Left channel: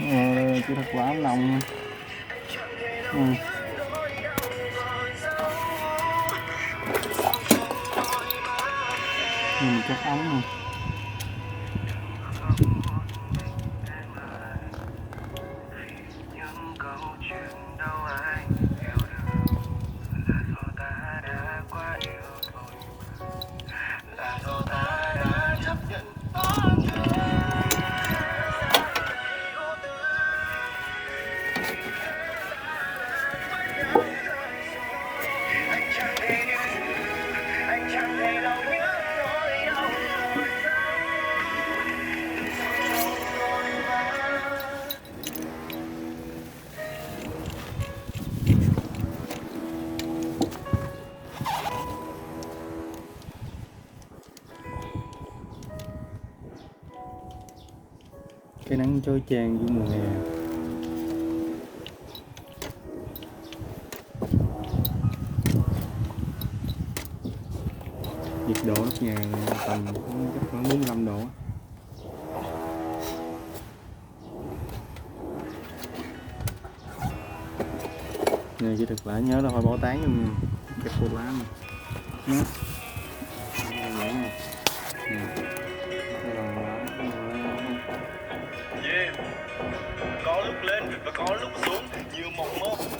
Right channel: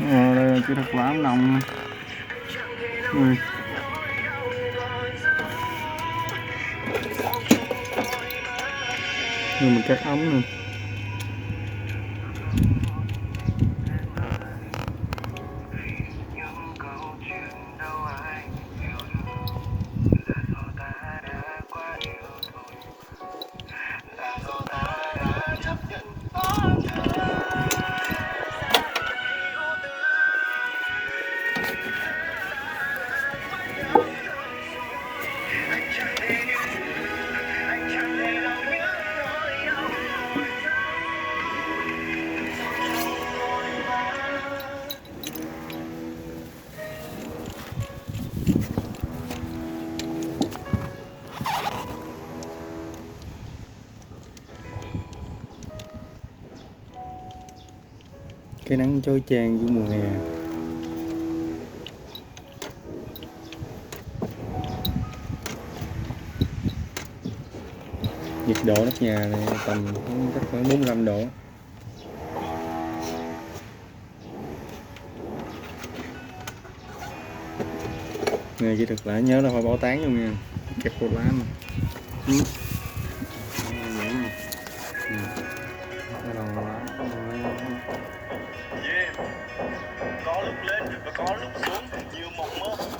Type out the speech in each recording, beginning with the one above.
Đây là kỹ thuật làm nóng. Nhưng mình cắt ống luôn. Cái nắng chói chang giữa mùa hè. Nhiệt độ nóc nhà này tầm chắc khoảng 45 độ. Nghề kỹ thuật lại nhớ là phải bỏ tán luôn nha, kẹp cột lá mà. Có lúc lên và có lúc xuống, nhiều mộng mơ muốn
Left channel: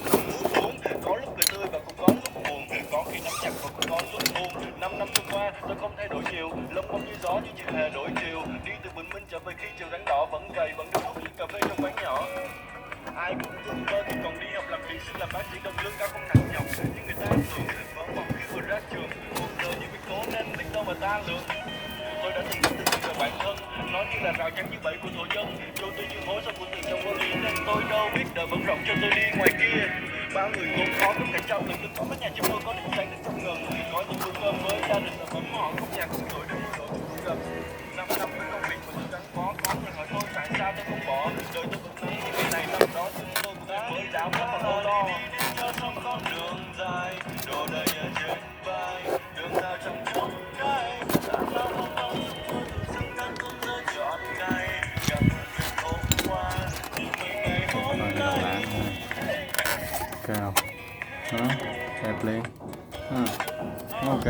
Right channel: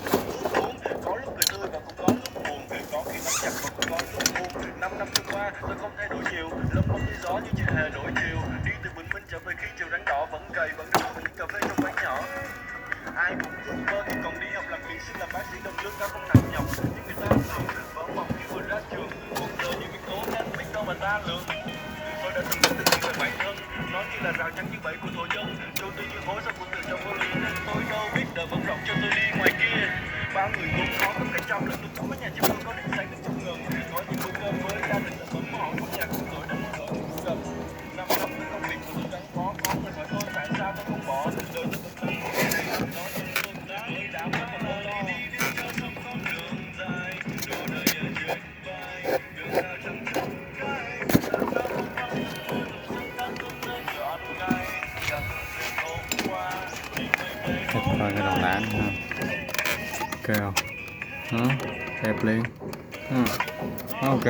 cuốn, có lúc cười tươi và cũng có lúc buồn, có khi nắm chặt và cũng có lúc buồn. 5 năm trôi qua tôi không thay đổi nhiều, lông bông như gió nhưng chưa hề đổi chiều. Đi từ bình minh trở về khi chiều đánh đỏ, vẫn gầy vẫn được uống cà phê trong quán nhỏ. Ai cũng ước mơ khi còn đi học làm kỹ sư làm bác sĩ đồng lương cao không nặng nhọc, nhưng người ta thường vỡ mộng khi vừa ra trường. Cuộc đời như cái cố lên biết đâu mà ta lường. Tôi đã từng tự tin về bản thân, nó như là rào chắn như bẫy của thổ dân. Trôi tôi như hối sau cuộc từ trong vô lý, nên tôi đâu biết đời vẫn rộng cho tôi đi ngoài kia. Bao người vốn khó gấp cả trăm lần, tôi có mấy nhà chim tôi có định sáng đến trong ngần. Có những bữa cơm với gia đình là bấm họ không nhà không tuổi đang mơ ước gần. 5 năm với công việc của tôi gắn bó, có người hỏi tôi tại sao tôi không bỏ. Đời tôi vẫn không thể này làm đó, nhưng tôi đã với đảo rất là lo. Đi cho xong con đường dài, đồ đầy ở trên vai, đường nào chẳng chút cái. Làm sao không bao giờ tôi dù sương đang tuôn rơi trọn ngày. Gặp chuyện hôm qua, thì mấy ngày hôm Coi cái đầu lá nữa ha. Ok không? Đó, đẹp liền. Ok.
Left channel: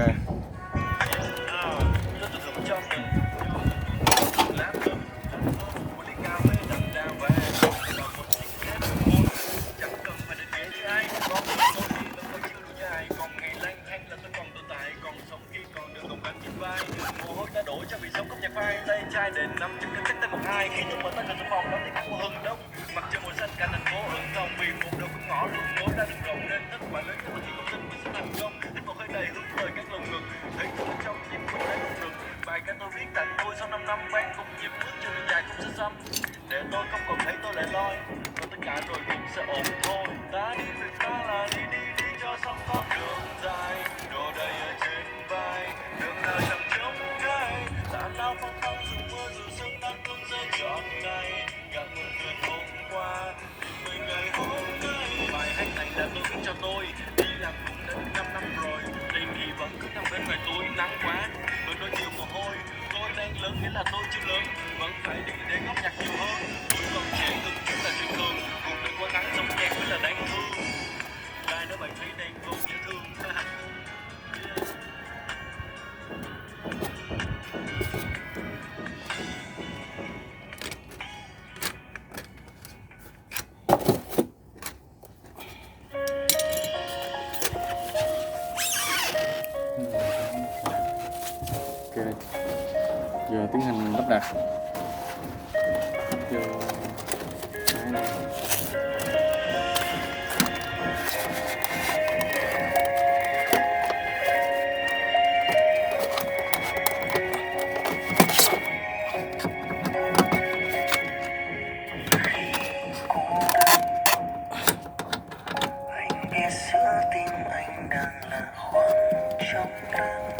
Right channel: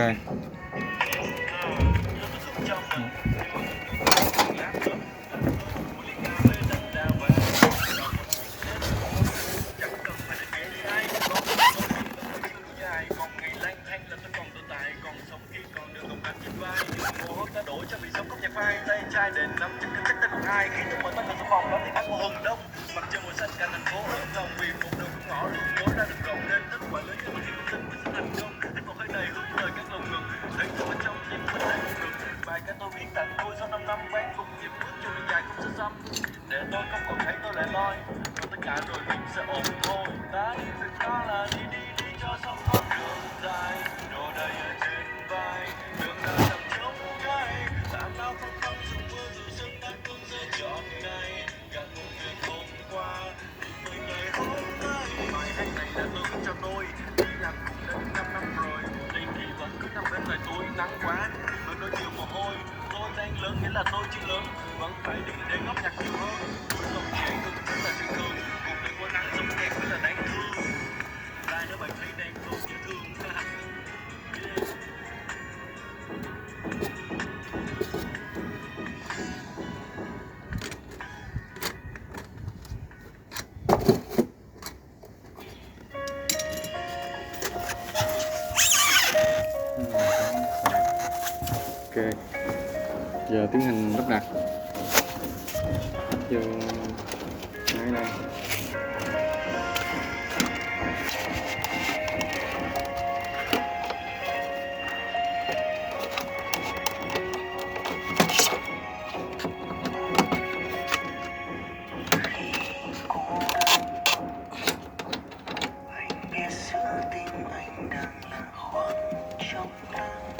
mồ hôi ta đổ cho bị sống cốc nhạc vai tay trai đền năm trước cách tên một ai khi nhung mở tay trong phòng đó thì có mùa hừng đông mặt trời mùa xanh cả thành phố ưng ngầu vì một đầu cũng ngõ luôn lối ra đường rộng nên tất quả lớn cho tôi chỉ không tin mình sẽ thành công thích một hơi đầy hướng tới các lồng ngực thấy từ bên trong tim mình đang rung rực bài ca tôi viết tặng tôi sau 5 năm ban cùng nhịp bước chân đi dài không sẽ xăm để tôi không còn thấy tôi lại loi còn tất cả rồi mình sẽ ổn thôi ta đi việc đó là đi đi đi cho xong con đường dài đồ đầy ở trên vai đường nào chẳng trống trái làm nào phong phong dù mưa dù sương nắng tuôn rơi trọn ngày gặp một chuyện hôm qua nhưng mấy ngày hôm nay bài hát này là tôi viết cho tôi đi làm cũng đã 5 năm rồi đây thì vẫn cứ nằm bên ngoài tôi nắng quá tôi đôi nhiều mồ hôi tôi đang lớn nghĩa là tôi chưa lớn vẫn phải đi để góp nhặt nhiều hơn tôi còn trẻ từng chút là chuyện thường cuộc đời qua nắng sống nhẹ mới là đáng thương ai nếu bạn thấy đang không dễ thương Ok. Giờ tiến hành lắp đặt vô máy đây. anh biết giữa tim anh đang là khoảng trống vắng